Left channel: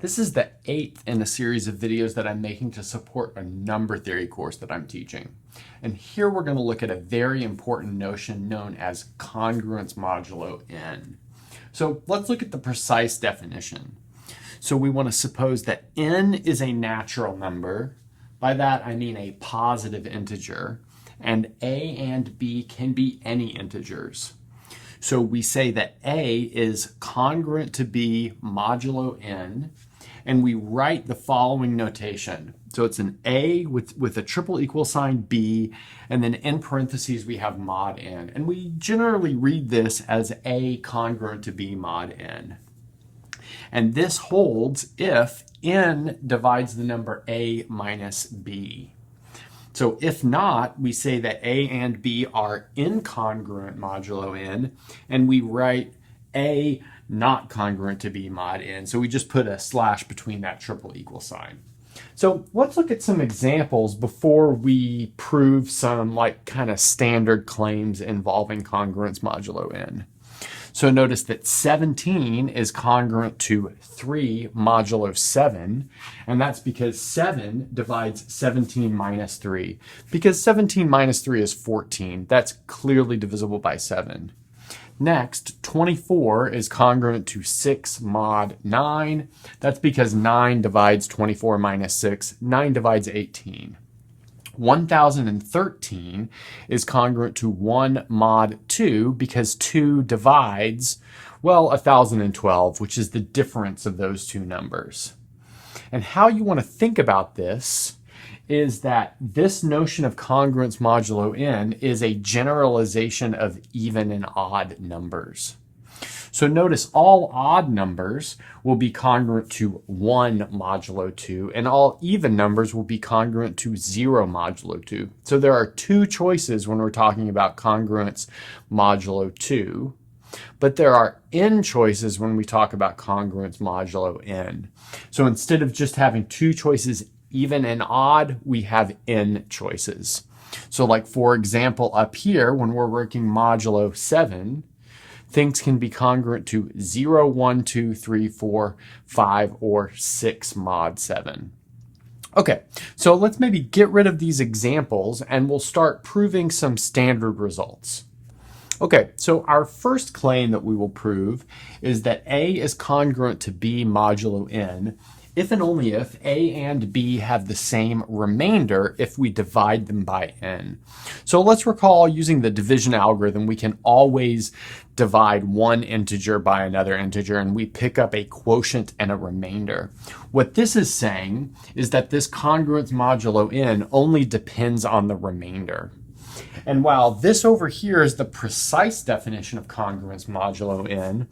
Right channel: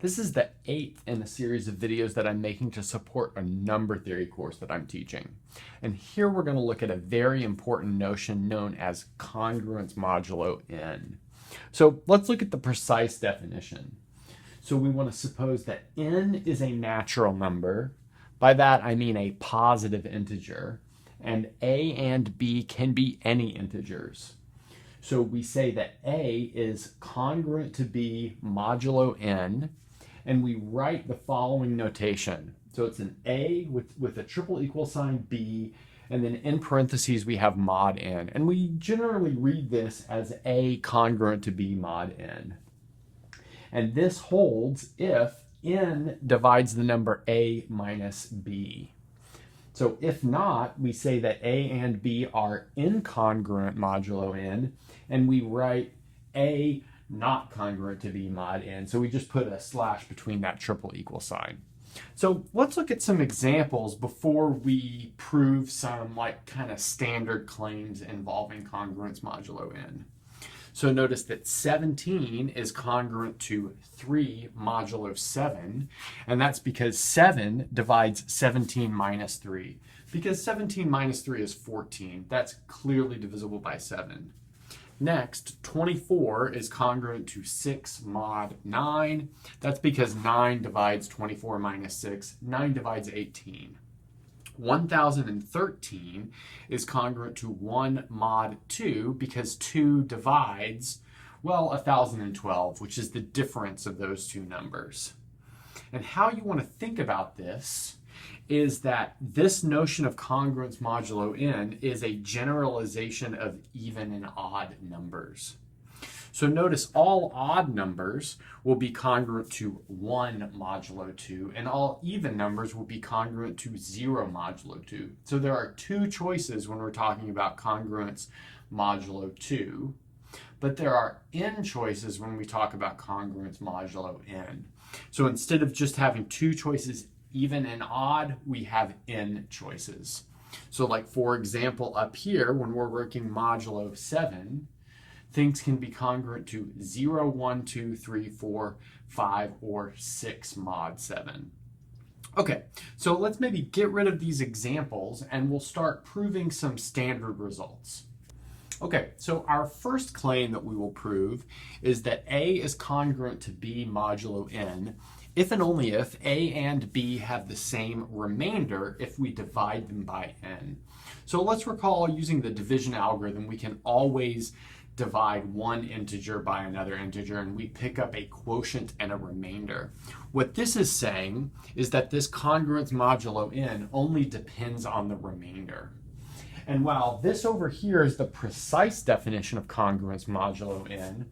This is the 8th in a series of videos that I'm making to support a number theory course that I'm teaching. And here we're going to look at a very important notion known as congruence modulo n. So let's look at the precise definition. So we want to suppose that n is a natural number. By that I mean a positive integer. And a and b can be any integers. So we say that a is congruent to b modulo n, and we write the following notation. So it's an a with a triple equal sign b, and then in parentheses we have mod n. And we generally read this as a congruent to b mod n. And this holds if n divides the number a minus b. So if not, we say that a and b are incongruent modulo n, and we write a not congruent to b mod n. So we just put a slash between that triple equal sign. So let's look at some examples before we prove some kind of standard claims involving congruence modulo n. So notice that 17 is congruent to 3 modulo 7, and that's because 7 divides 17 minus 3. Because 17 minus 3 is 14, that's clearly divisible by 7. Next, 24 is congruent to 6 mod 9. That's because 9 divides 24 minus 6. 9 divides 18. 1013 is congruent to 1 mod 2 because 2 divides, well, 1012, which is the difference of those two numbers. And how you want to think about this is that this notion of congruence modulo n is a generalization of even and odd numbers. So notice all odd numbers will be congruent to 1 modulo 2, and all even numbers will be congruent to 0 modulo 2. So there are two choices when we're talking about congruence modulo 2, but there are n choices when we talk about congruence modulo n. So instead of just having two choices, even and odd, we have n choices. So for example, up here, when we're working modulo 7, things can be congruent to 0, 1, 2, 3, 4, 5, or 6 mod 7. Okay, so let's maybe get rid of these examples and we'll start proving some standard results. Okay, so our first claim that we will prove is that a is congruent to b modulo n if and only if a and b have the same remainder if we divide them by n. So let's recall using the division algorithm, we can always divide one integer by another integer, and we pick up a quotient and a remainder. What this is saying is that this congruence modulo n only depends on the remainder. And while this over here is the precise definition of congruence modulo n,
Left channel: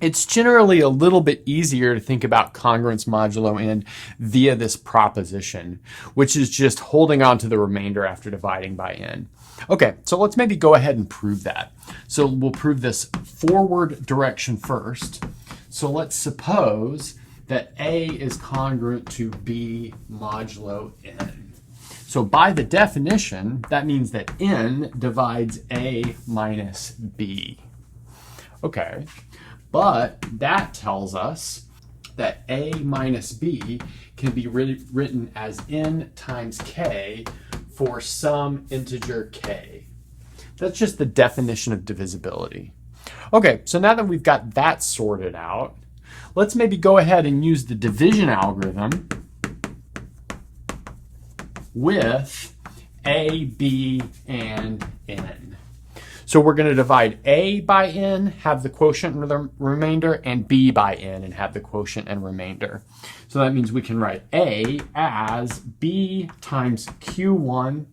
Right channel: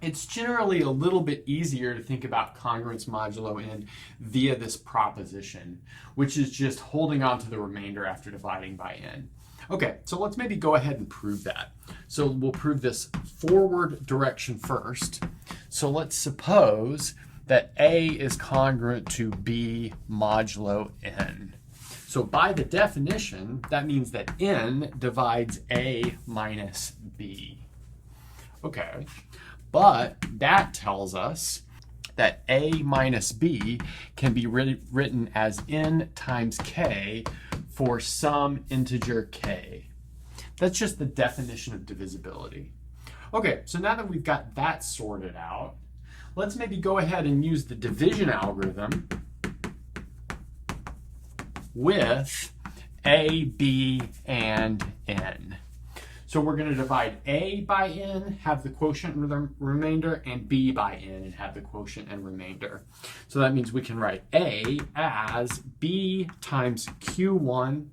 it's generally a little bit easier to think about congruence modulo n via this proposition, which is just holding on to the remainder after dividing by n. Okay, so let's maybe go ahead and prove that. So we'll prove this forward direction first. So let's suppose that a is congruent to b modulo n. So by the definition, that means that n divides a minus b. Okay. But that tells us that a minus b can be written as n times k for some integer k. That's just the definition of divisibility. Okay, so now that we've got that sorted out, let's maybe go ahead and use the division algorithm with a, b, and n. So we're going to divide a by n, have the quotient and the remainder, and b by n and have the quotient and remainder. So that means we can write a as b times q1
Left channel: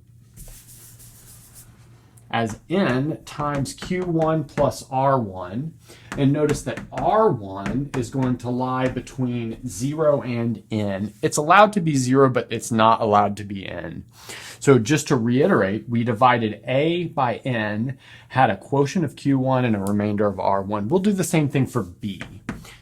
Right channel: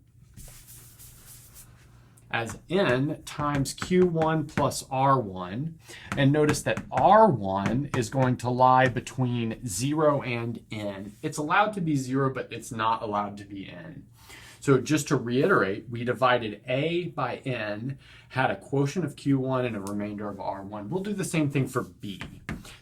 as n times q1 plus r1. And notice that r1 is going to lie between 0 and n. It's allowed to be 0, but it's not allowed to be n. So just to reiterate, we divided a by n, had a quotient of q1 and a remainder of r1. We'll do the same thing for b.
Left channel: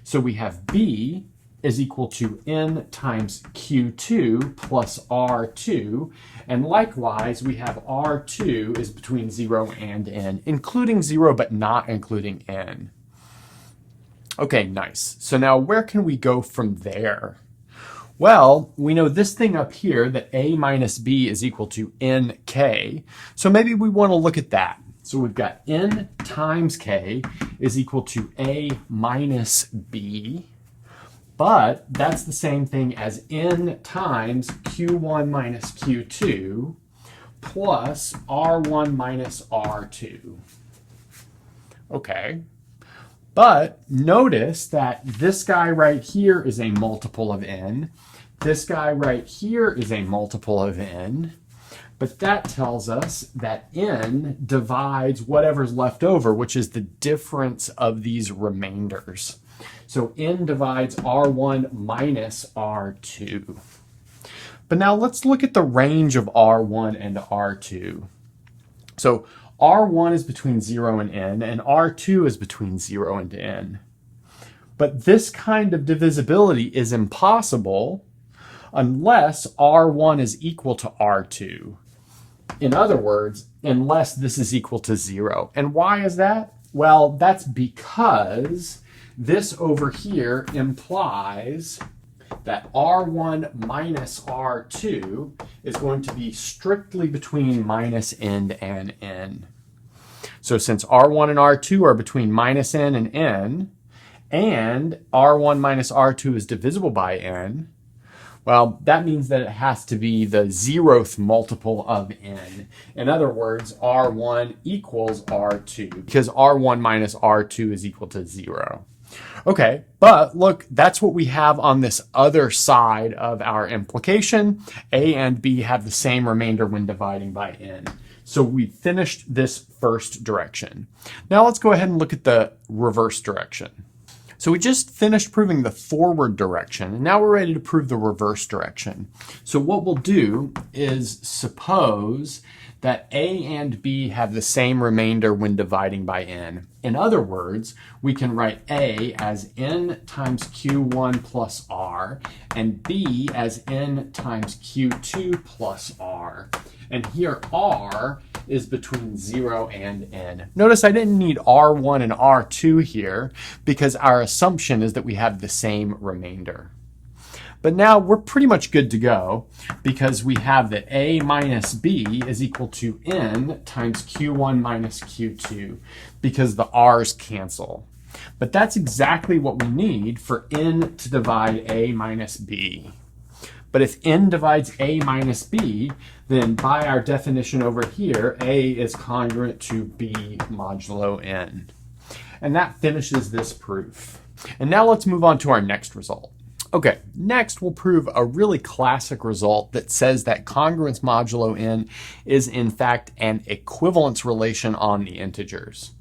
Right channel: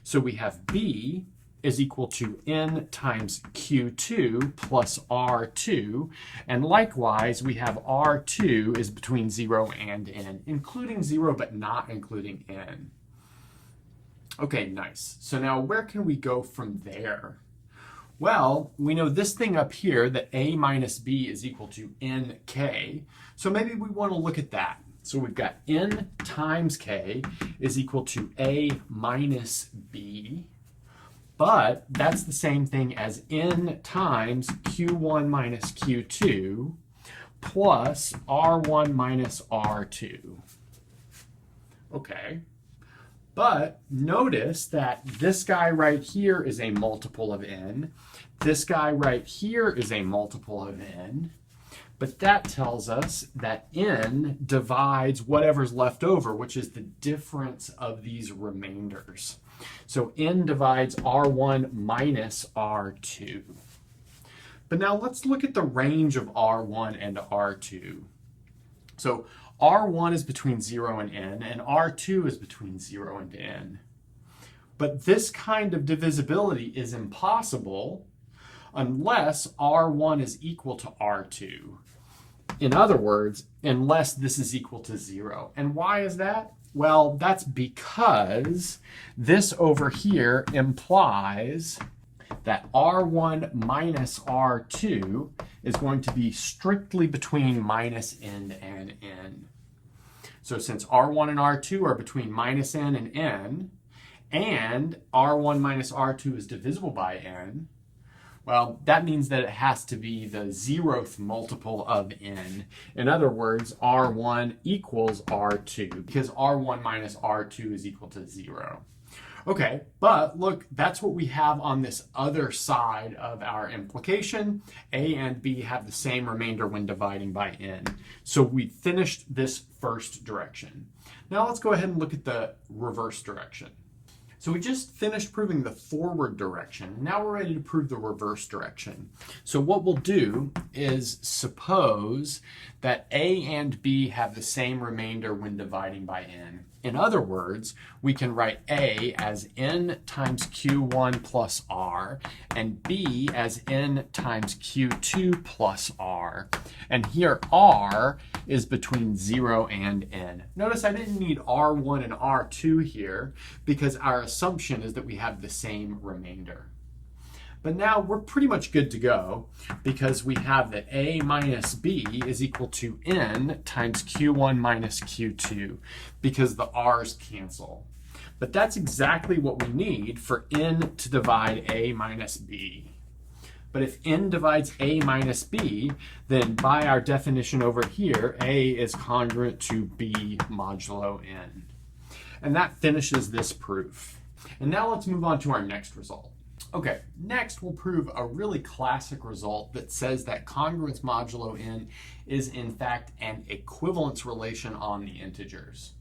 So we have b is equal to n times q2 plus r2. And likewise, we have r2 is between 0 and n, including 0 but not including n. Okay, nice. So now where can we go from there? Well, we know this thing up here, that a minus b is equal to nk. So maybe we want to look at that. So we've got n times k is equal to a minus b. But that's the same thing as n times q1 minus q2 plus r1 minus r2. Okay. But notice that this guy right here is a multiple of n. This guy right here is a multiple of n. But that tells us that n divides whatever's left over, which is the difference of these remainders. So n divides r1 minus r2. But now let's look at the range of r1 and r2. So r1 is between 0 and n, and r2 is between 0 and n. But this kind of divisibility is impossible unless r1 is equal to r2. In other words, unless this is equal to 0. And why is that? Well, that's because this over here implies that r1 minus r2 is going to be strictly between minus n and n. So since r1 and r2 are between minus n and n, and r1 minus r2 is divisible by n, well, that means that it has to be the 0th multiple of n. In other words, r1 equals r2, because r1 minus r2 is equal to 0. Okay, but look, that's what we have on this other side of our implication. A and b have the same remainder when dividing by n. So we finished this first direction. Now let's go ahead and look at the reverse direction. So we just finished proving the forward direction, and now we're ready to prove the reverse direction. So what we'll do is suppose that a and b have the same remainder when dividing by n. In other words, we can write a as n times q1 plus r, and b as n times q2 plus r. And here r is between 0 and n. Notice I didn't need r1 and r2 here because our assumption is that we have the same remainder. But now we're pretty much good to go because we have that a minus b is equal to n times q1 minus q2 because the r's cancel. But that's exactly what we need for n to divide a minus b. But if n divides a minus b, then by our definition over here, a is congruent to b modulo n. And that finishes this proof. And now let's move on to our next result. Okay, next we'll prove a really classic result that says that congruence modulo n is in fact an equivalence relation on the integers.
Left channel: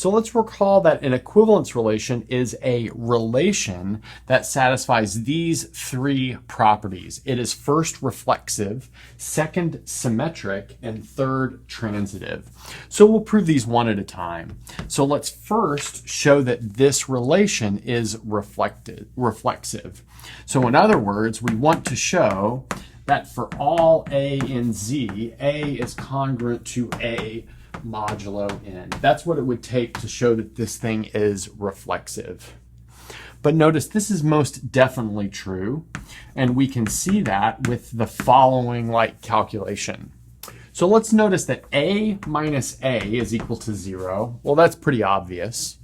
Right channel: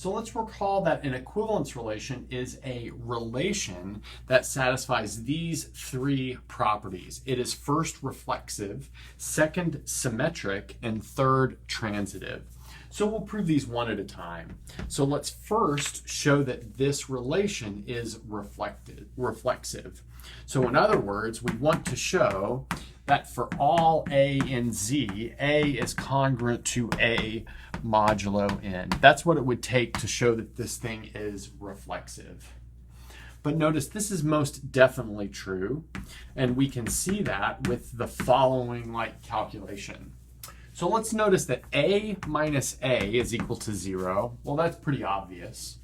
So let's recall that an equivalence relation is a relation that satisfies these three properties. It is first reflexive, second symmetric, and third transitive. So we'll prove these one at a time. So let's first show that this relation is reflexive. So in other words, we want to show that for all a in z, a is congruent to a modulo n. That's what it would take to show that this thing is reflexive. But notice this is most definitely true, and we can see that with the following calculation. So let's notice that a minus a is equal to 0. Well, that's pretty obvious.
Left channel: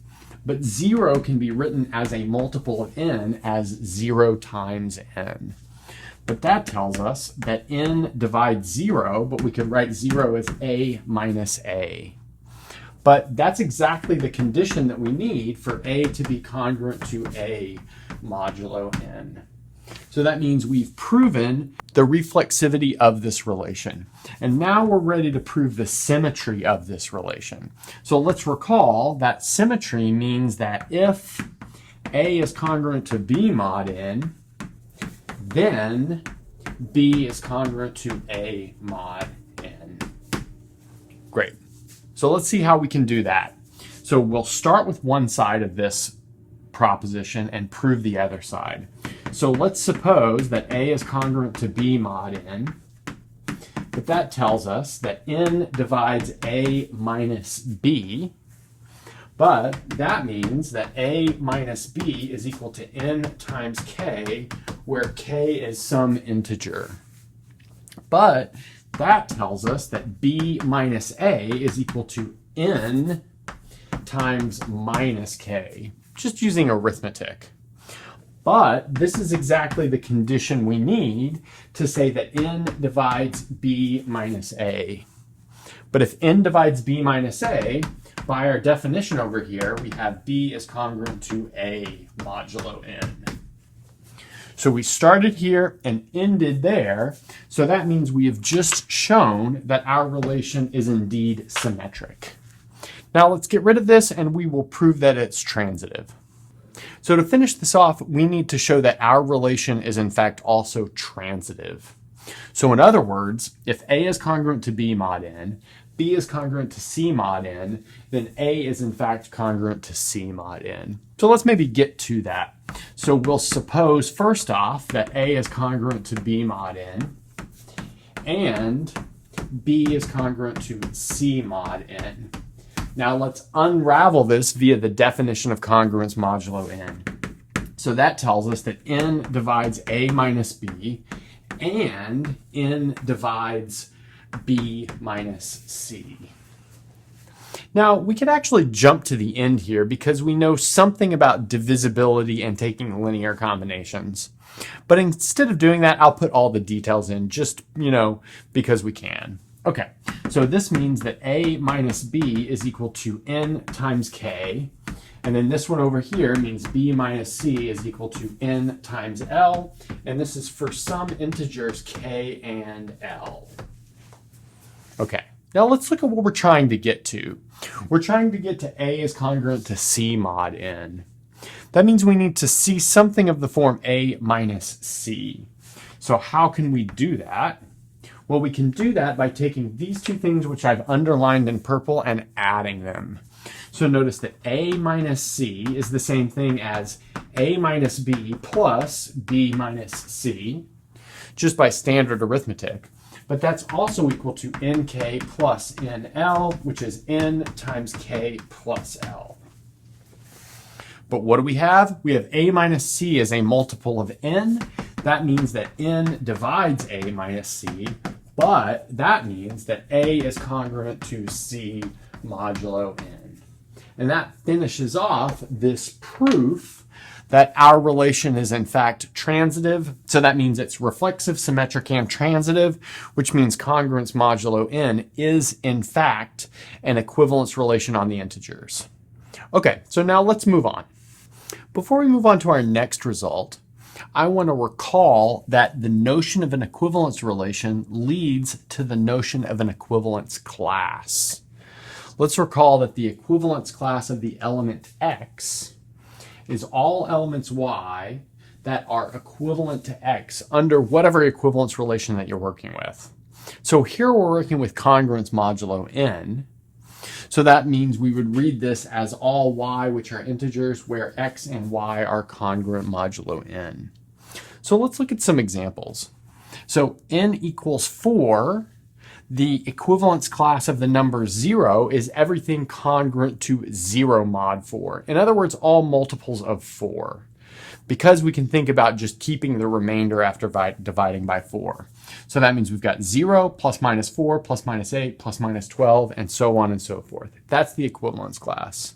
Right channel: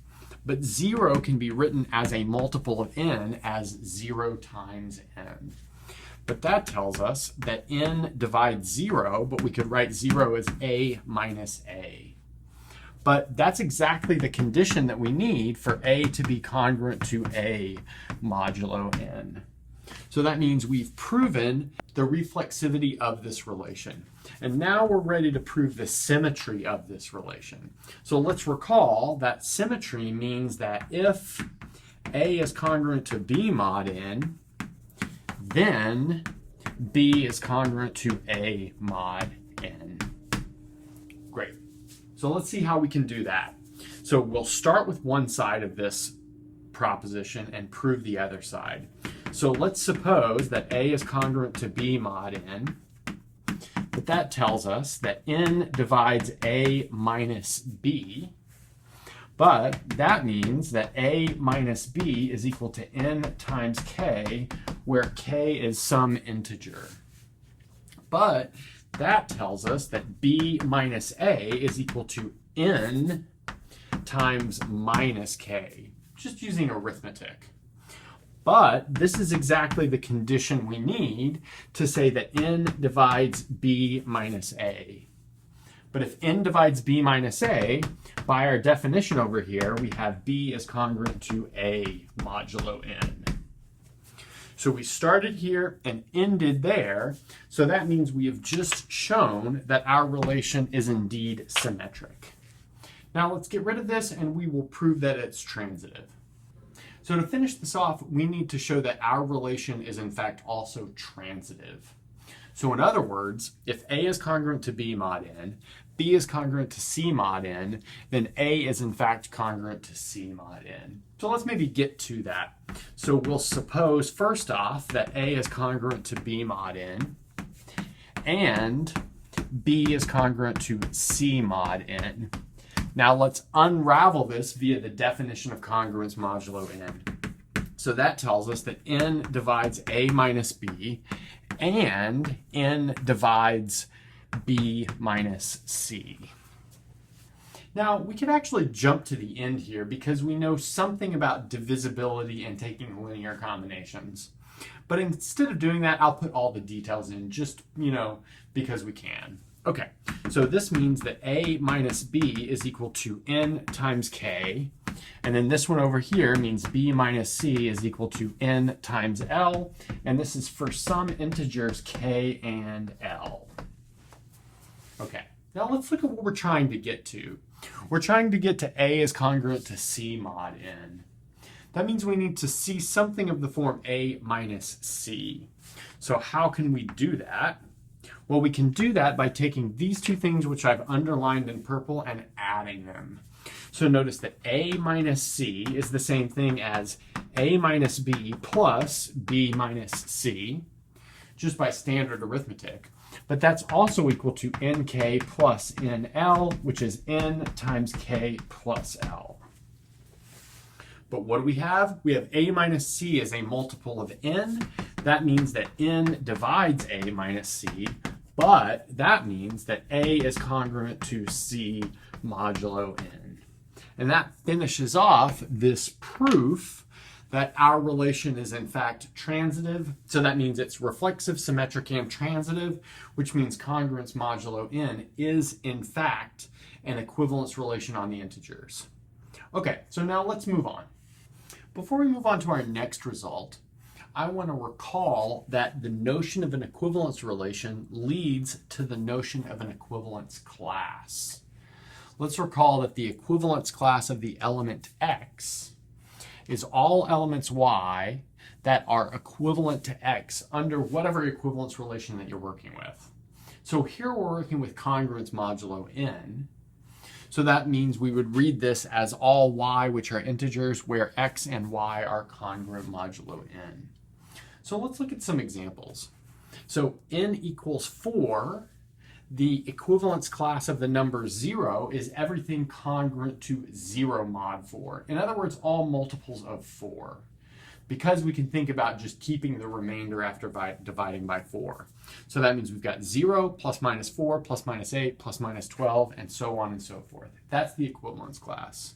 But 0 can be written as a multiple of n as 0 times n. But that tells us that n divides 0, but we could write 0 as a minus a. But that's exactly the condition that we need for a to be congruent to a modulo n. So that means we've proven the reflexivity of this relation. And now we're ready to prove the symmetry of this relation. So let's recall that symmetry means that if a is congruent to b mod n, then b is congruent to a mod n. Great. So let's see how we can do that. So we'll start with one side of this proposition and prove the other side. So let's suppose that a is congruent to b mod n, but that tells us that n divides a minus b. But that means that a minus b is equal to n times k, where k is some integer. But that tells us that b minus a is equal to n times minus k, just using arithmetic. But this is exactly the condition we need to say that n divides b minus a. But if n divides b minus a, by our definition over here, we have b is congruent to a modulo n. So we started here and ended there. So that means we have just shown that our relation is indeed symmetric. Now let's get rid of this and we will prove that it's transitive. So to finish this off, we need to show that our relation is in fact also transitive. So in other words, if a is congruent to b mod n, b is congruent to c mod n, then a is in fact congruent to c mod n. So let's maybe get to that. So we'll suppose first off that a is congruent to b mod n and b is congruent to c mod n. Now let's unravel this via the definition of congruence modulo n. So that tells us that n divides a minus b and n divides b minus c. Now we could actually jump to the end here because we know something about divisibility and taking linear combinations. But instead of doing that, I'll put all the details in just, because we can. Okay, so this means that a minus b is equal to n times k. And then this one over here means b minus c is equal to n times l. And this is for some integers k and l. Okay, now let's look at what we're trying to get to. We're trying to get to a is congruent to c mod n. That means we need to see something of the form a minus c. So how can we do that? Well, we can do that by taking these two things which I've underlined in purple and adding them. So notice that a minus c is the same thing as a minus b plus b minus c, just by standard arithmetic. But that's also equal to nk plus nl, which is n times k plus l. But what do we have? We have a minus c as a multiple of n. That means that n divides a minus c, but that means that a is congruent to c modulo n. And that finishes off this proof that our relation is in fact transitive. So that means it's reflexive, symmetric, and transitive, which means congruence modulo n is in fact an equivalence relation on the integers. Okay, so now let's move on. Before we move on to our next result, I want to recall that the notion of an equivalence relation leads to the notion of an equivalence class. Let's recall that the equivalence class of the element x is all elements y that are equivalent to x under whatever equivalence relation that you're working with. So here we're working with congruence modulo n. So that means we would read this as all y which are integers where x and y are congruent modulo n. So let's look at some examples. So n equals 4. The equivalence class of the number 0 is everything congruent to 0 mod 4. In other words, all multiples of 4. Because we can think about just keeping the remainder after dividing by 4. So that means we've got 0 plus minus 4 plus minus 8 plus minus 12 and so on and so forth. That's the equivalence class.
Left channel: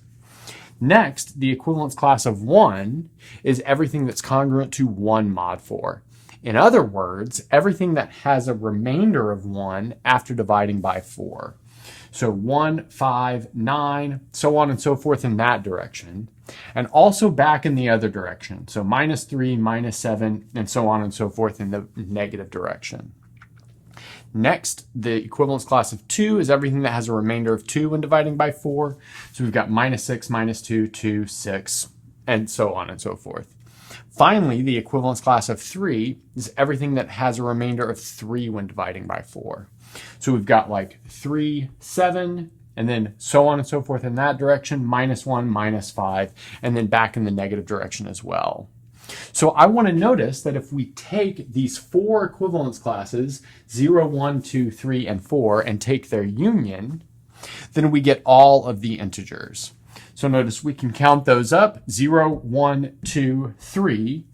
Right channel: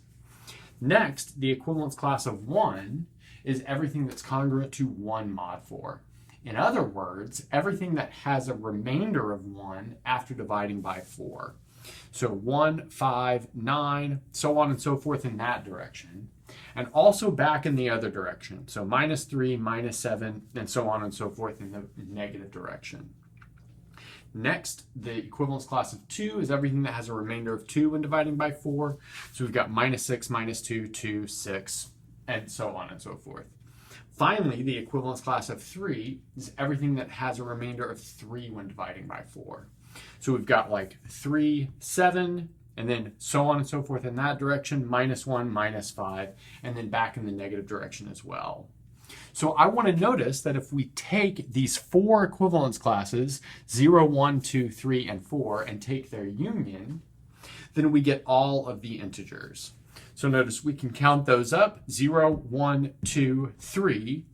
Next, the equivalence class of 1 is everything that's congruent to 1 mod 4. In other words, everything that has a remainder of 1 after dividing by 4. So 1, 5, 9, so on and so forth in that direction. And also back in the other direction. So minus 3, minus 7, and so on and so forth in the negative direction. Next, the equivalence class of 2 is everything that has a remainder of 2 when dividing by 4. So we've got minus 6, minus 2, 2, 6, and so on and so forth. Finally, the equivalence class of 3 is everything that has a remainder of 3 when dividing by 4. So we've got like 3, 7, and then so on and so forth in that direction, minus 1, minus 5, and then back in the negative direction as well. So I want to notice that if we take these 4 equivalence classes, 0, 1, 2, 3, and 4, and take their union, then we get all of the integers. So notice we can count those up: 0, 1, 2, 3,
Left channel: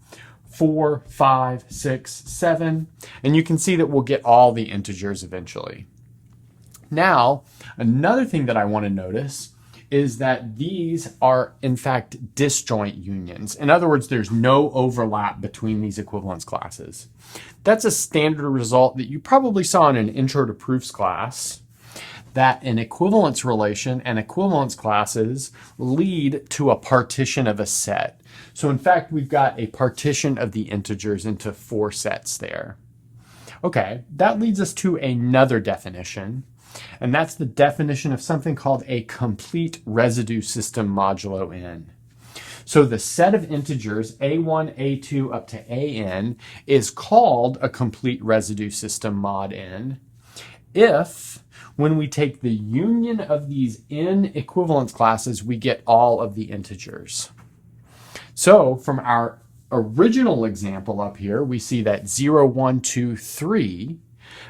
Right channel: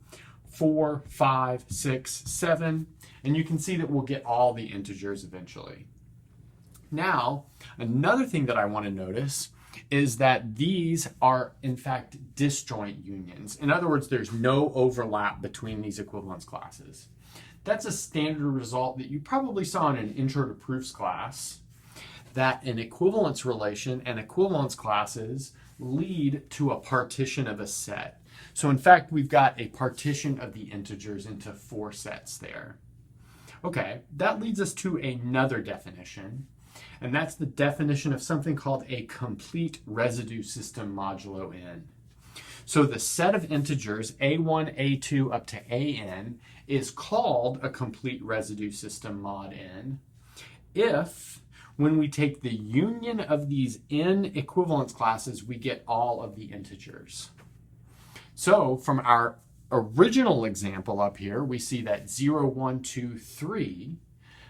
4, 5, 6, 7, and you can see that we'll get all the integers eventually. Now, another thing that I want to notice is that these are in fact disjoint unions. In other words, there's no overlap between these equivalence classes. That's a standard result that you probably saw in an Intro to Proofs class, that an equivalence relation and equivalence classes lead to a partition of a set. So in fact, we've got a partition of the integers into 4 sets there. Okay, that leads us to another definition, and that's the definition of something called a complete residue system modulo n. So the set of integers a1, a2 up to an is called a complete residue system mod n if, when we take the union of these n equivalence classes, we get all of the integers. So from our original example up here, we see that 0, 1, 2, 3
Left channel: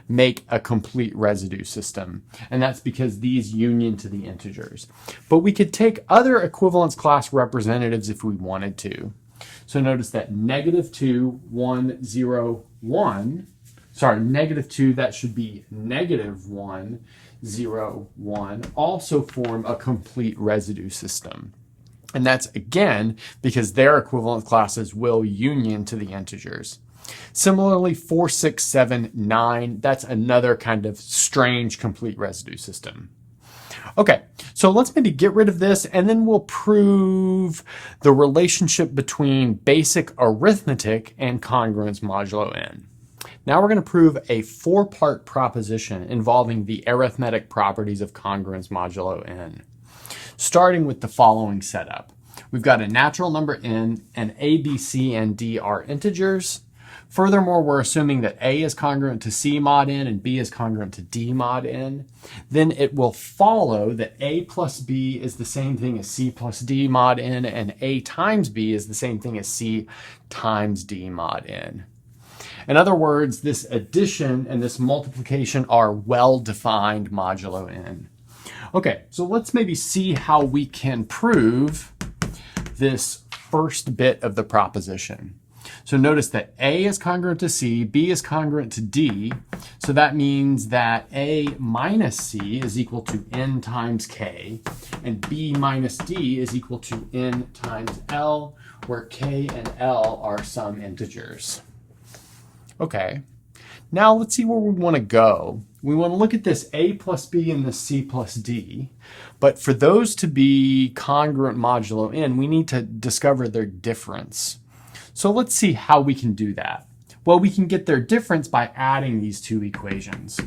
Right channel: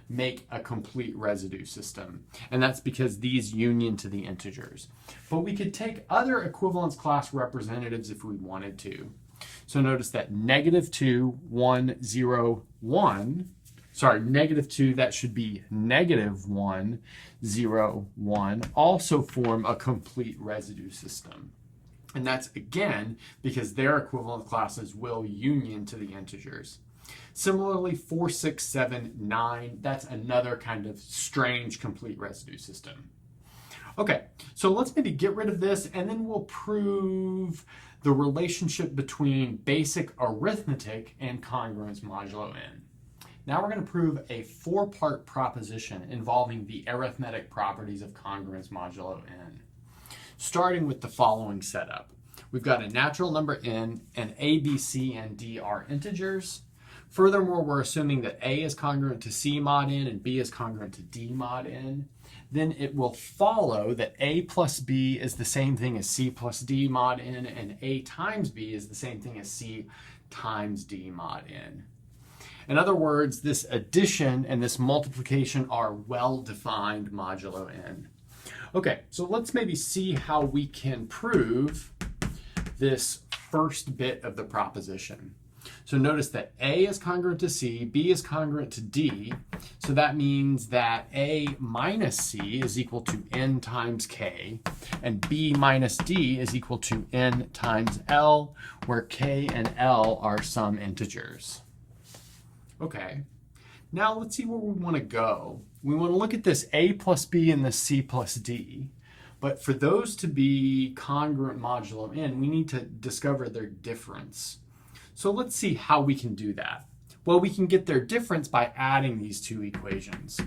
make a complete residue system. And that's because these union to the integers. But we could take other equivalence class representatives if we wanted to. So notice that -2, 1, 0, 1, sorry, -2, that should be -1, 0, 1, also form a complete residue system. And that's, again, because their equivalent classes will union to the integers. Similarly, 4, 6, 7, 9, that's another kind of strange complete residue system. Okay, so let's maybe get rid of this, and then we'll prove the relationship between basic arithmetic and congruence modulo n. Now we're going to prove a 4-part proposition involving the arithmetic properties of congruence modulo n. Starting with the following setup. We've got a natural number n, and a, b, c, and d are integers. Furthermore, we're assuming that a is congruent to c mod n and b is congruent to d mod n. Then it will follow that a plus b is the same thing as c plus d mod n, and a times b is the same thing as c times d mod n. In other words, this addition and this multiplication are well-defined modulo n. Okay, so let's maybe see how we can prove this first bit of the proposition. So notice that a is congruent to c, b is congruent to d, so that means that a minus c is equal to n times k, and b minus d is equal to n times l, where k and l are some integers. Okay, now let's see where we want to go. We want to look at this a plus b and this c plus d, but for those to be congruent modulo n, we need to discover their difference. So let's see how we can do that. Well, we can get their difference by adding these two equations.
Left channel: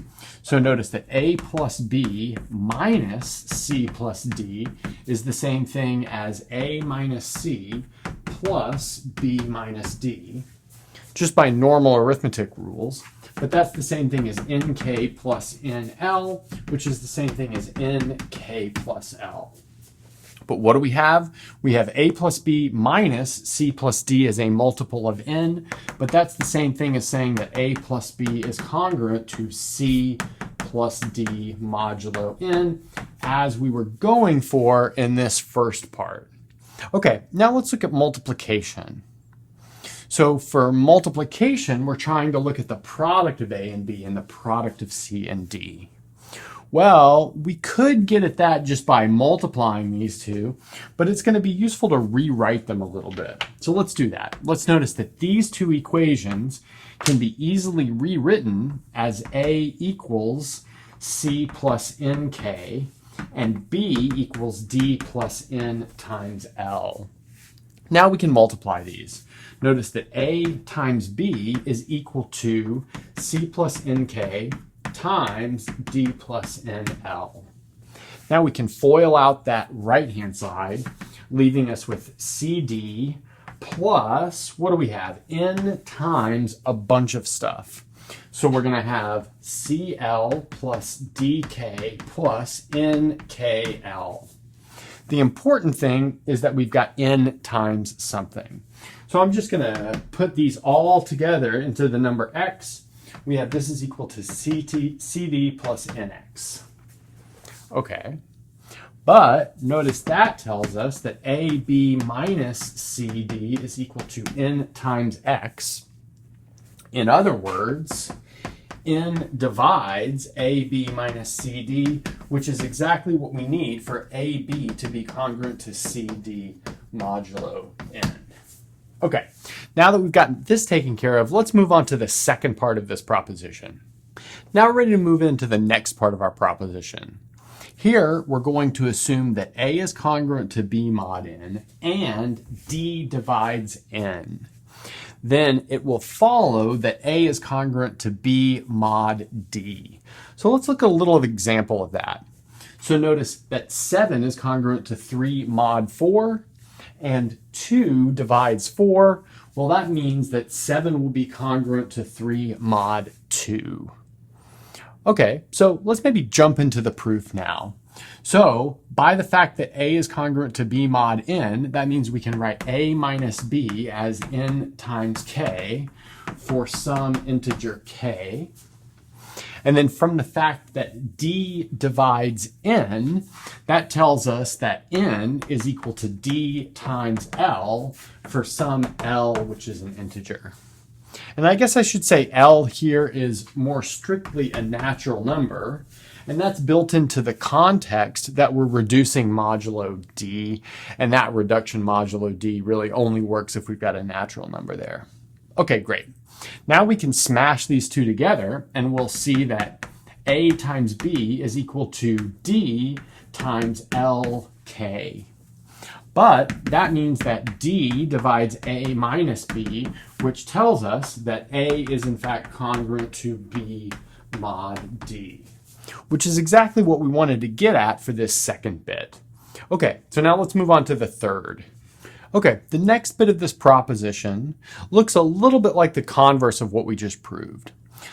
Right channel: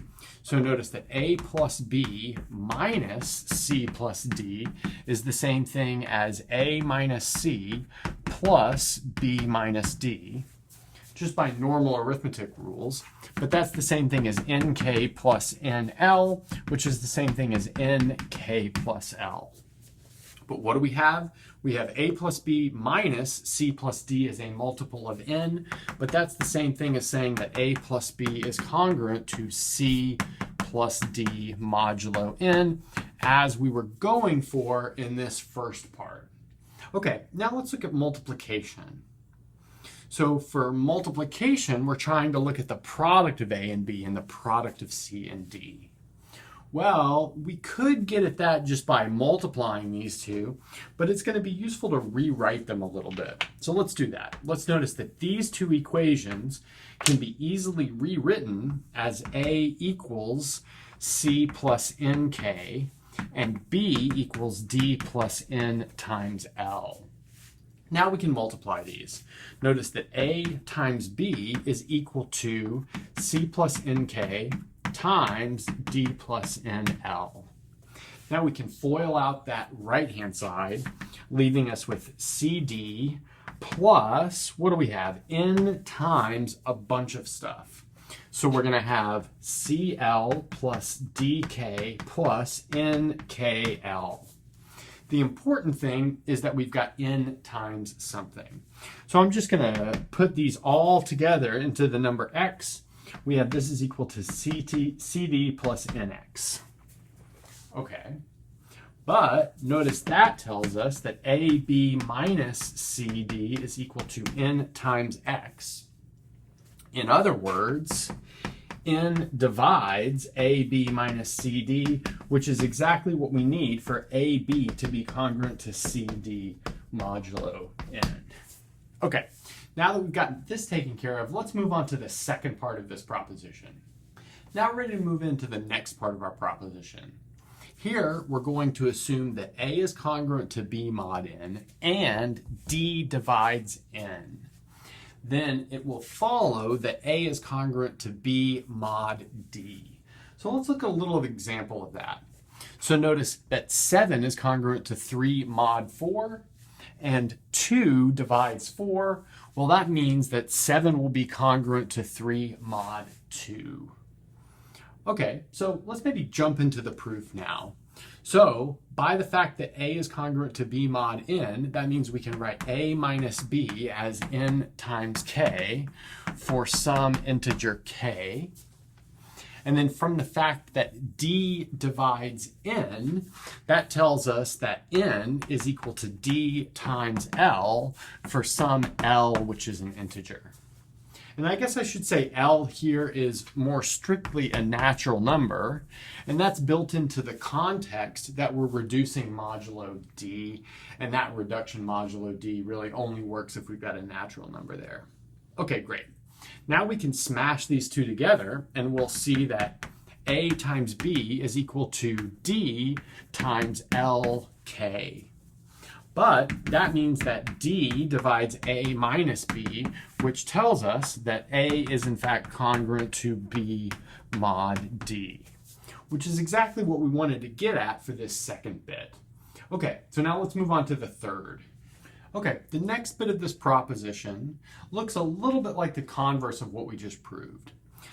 So notice that a plus b minus c plus d is the same thing as a minus c plus b minus d, just by normal arithmetic rules. But that's the same thing as nk plus nl, which is the same thing as nk plus l. But what do we have? We have a plus b minus c plus d as a multiple of n, but that's the same thing as saying that a plus b is congruent to c plus d modulo n, as we were going for in this first part. Okay, now let's look at multiplication. So for multiplication, we're trying to look at the product of a and b and the product of c and d. Well, we could get at that just by multiplying these two, but it's going to be useful to rewrite them a little bit. So let's do that. Let's notice that these two equations can be easily rewritten as a equals c plus nk and b equals d plus n times l. Now we can multiply these. Notice that a times b is equal to c plus nk times d plus nl. Now we can FOIL out that right-hand side, leaving us with cd plus, what do we have? N times a bunch of stuff. So we're going to have cl plus dk plus nkl. The important thing is that we've got n times something. So I'm just going to put these all together into the number x. We have this is equal to cd plus nx. Okay. But notice that tells us that AB minus CD is equal to n times x. In other words, n divides AB minus CD, which is exactly what we need for AB to be congruent to CD modulo n. Okay, now that we've gotten this taken care of, let's move on to the second part of this proposition. Now we're ready to move into the next part of our proposition. Here, we're going to assume that A is congruent to B mod n and D divides n. Then it will follow that A is congruent to B mod D. So let's look at a little example of that. So notice that 7 is congruent to 3 mod 4, and 2 divides 4. Well, that means that 7 will be congruent to 3 mod 2. Okay, so let's maybe jump into the proof now. So by the fact that A is congruent to B mod n, that means we can write A minus B as n times k for some integer k. And then from the fact that D divides n, that tells us that n is equal to D times L for some L, which is an integer. And I guess I should say L here is more strictly a natural number, and that's built into the context that we're reducing modulo D, and that reduction modulo D really only works if we've got a natural number there. Okay, great. Now we can smash these two together, and we'll see that A times B is equal to D times LK. But that means that D divides A minus B, which tells us that A is in fact congruent to B mod D, which is exactly what we wanted to get at for this second bit. Okay, so now let's move on to the third. Okay, the next bit of this proposition looks a little bit like the converse of what we just proved.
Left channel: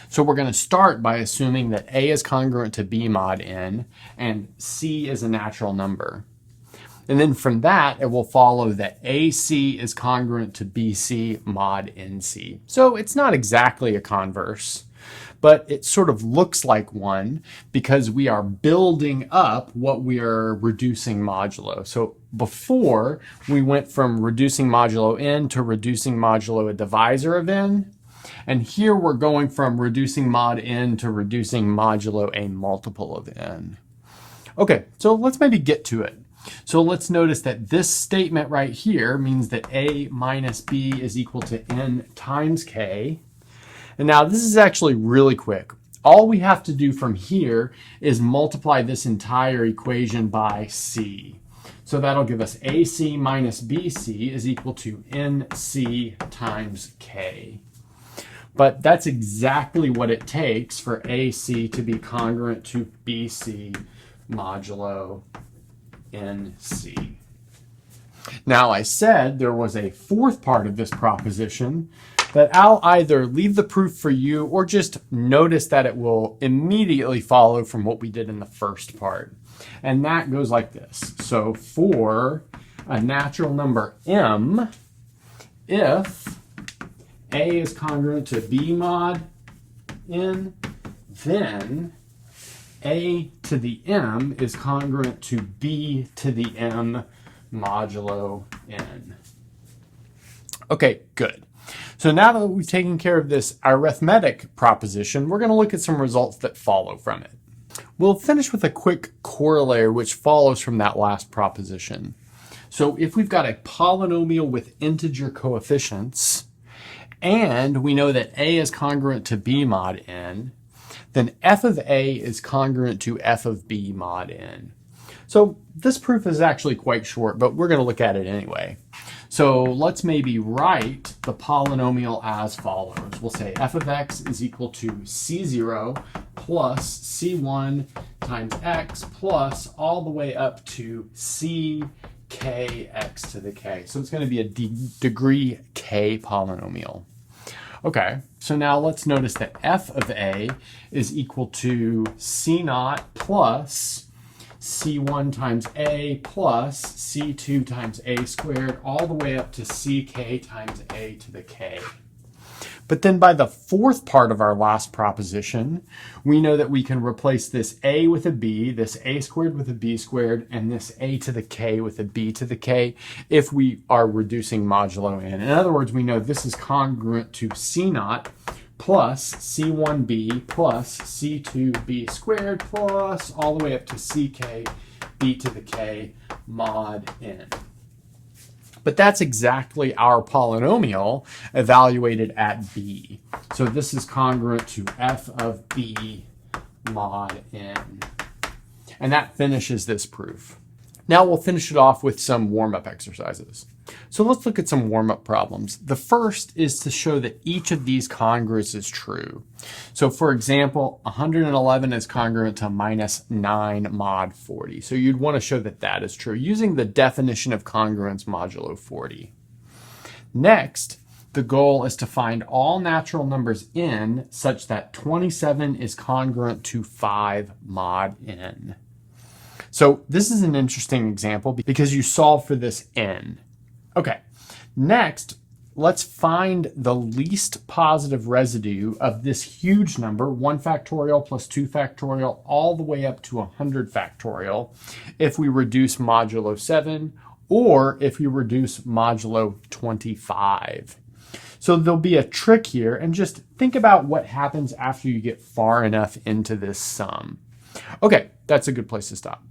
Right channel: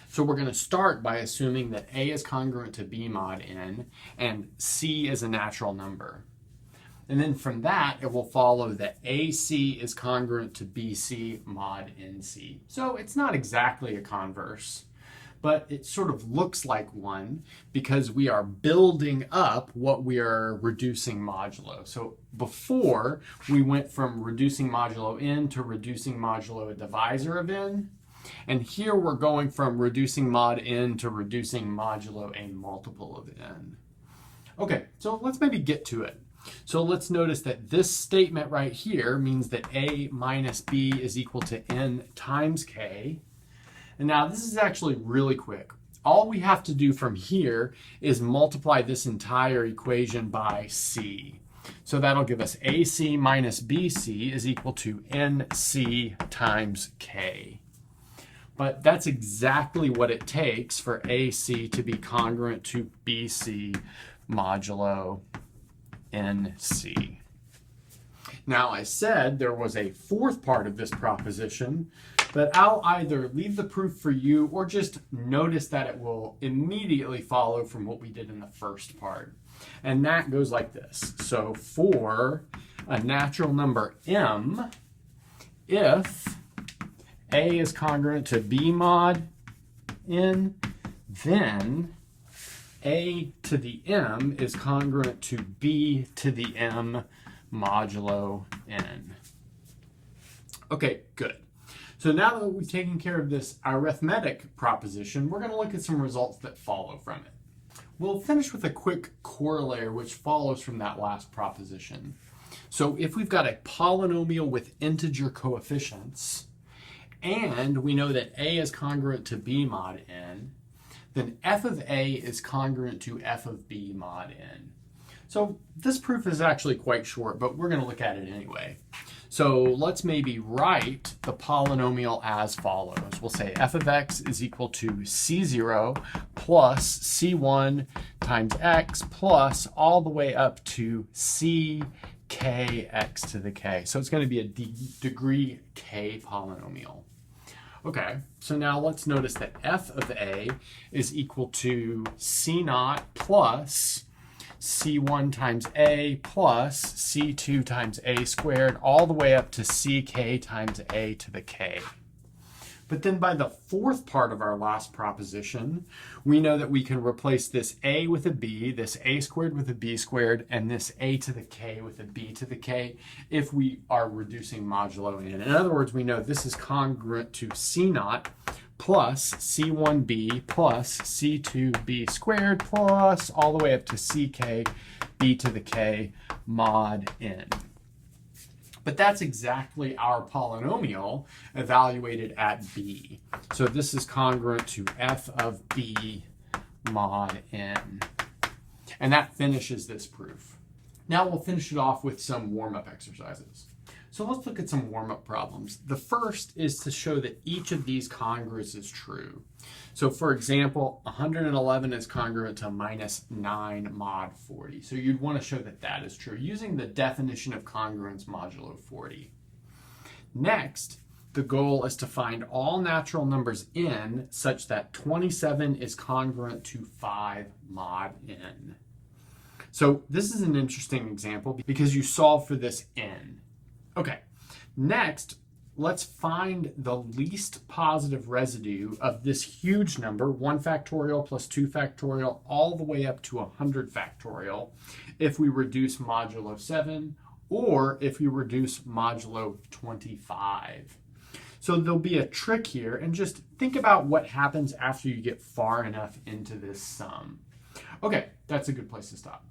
So we're going to start by assuming that A is congruent to B mod n and C is a natural number. And then from that, it will follow that AC is congruent to BC mod NC. So it's not exactly a converse, but it sort of looks like one because we are building up what we are reducing modulo. So before, we went from reducing modulo n to reducing modulo a divisor of n. And here we're going from reducing mod n to reducing modulo a multiple of n. Okay, so let's maybe get to it. So let's notice that this statement right here means that A minus B is equal to n times k. And now this is actually really quick. All we have to do from here is multiply this entire equation by C. So that'll give us AC minus BC is equal to NC times K. But that's exactly what it takes for AC to be congruent to BC modulo NC. Now I said there was a fourth part of this proposition that I'll either leave the proof for you or just notice that it will immediately follow from what we did in the first part. And that goes like this. So for a natural number m, if A is congruent to B mod n, then A to the m is congruent to B to the m modulo n. Okay, good. So now that we've taken care of this arithmetic proposition, we're going to look at some results that follow from it. We'll finish with a quick corollary which follows from that last proposition. So if we've got a polynomial with integer coefficients, and we know that A is congruent to B mod n, then f of A is congruent to f of B mod n. So this proof is actually quite short, but we're going to look at it anyway. So let's maybe write the polynomial as follows. We'll say f of x is equal to c0 plus c1 times x plus all the way up to c kx to the k. So it's going to be a degree k polynomial. Okay, so now let's notice that f of a is equal to c0 plus c1 times a plus c2 times a squared all the way up to ck times a to the k. But then by the fourth part of our last proposition, we know that we can replace this a with a b, this a squared with a b squared, and this a to the k with a b to the k if we are reducing modulo n. In other words, we know this is congruent to c naught plus c1b plus c2b squared plus all the way up to ck b to the k mod n. But that's exactly our polynomial evaluated at b. So this is congruent to f of b mod n. And that finishes this proof. Now we'll finish it off with some warm-up exercises. So let's look at some warm-up problems. The first is to show that each of these congruents is true. So for example, 111 is congruent to minus 9 mod 40. So you'd want to show that that is true using the definition of congruence modulo 40. Next, the goal is to find all natural numbers n such that 27 is congruent to 5 mod n. So this is an interesting example because you solve for this n. Okay, next, let's find the least positive residue of this huge number, 1 factorial plus 2 factorial, all the way up to 100 factorial, if we reduce modulo 7 or if we reduce modulo 25. So there'll be a trick here, and just think about what happens after you get far enough into this sum. Okay, that's a good place to stop.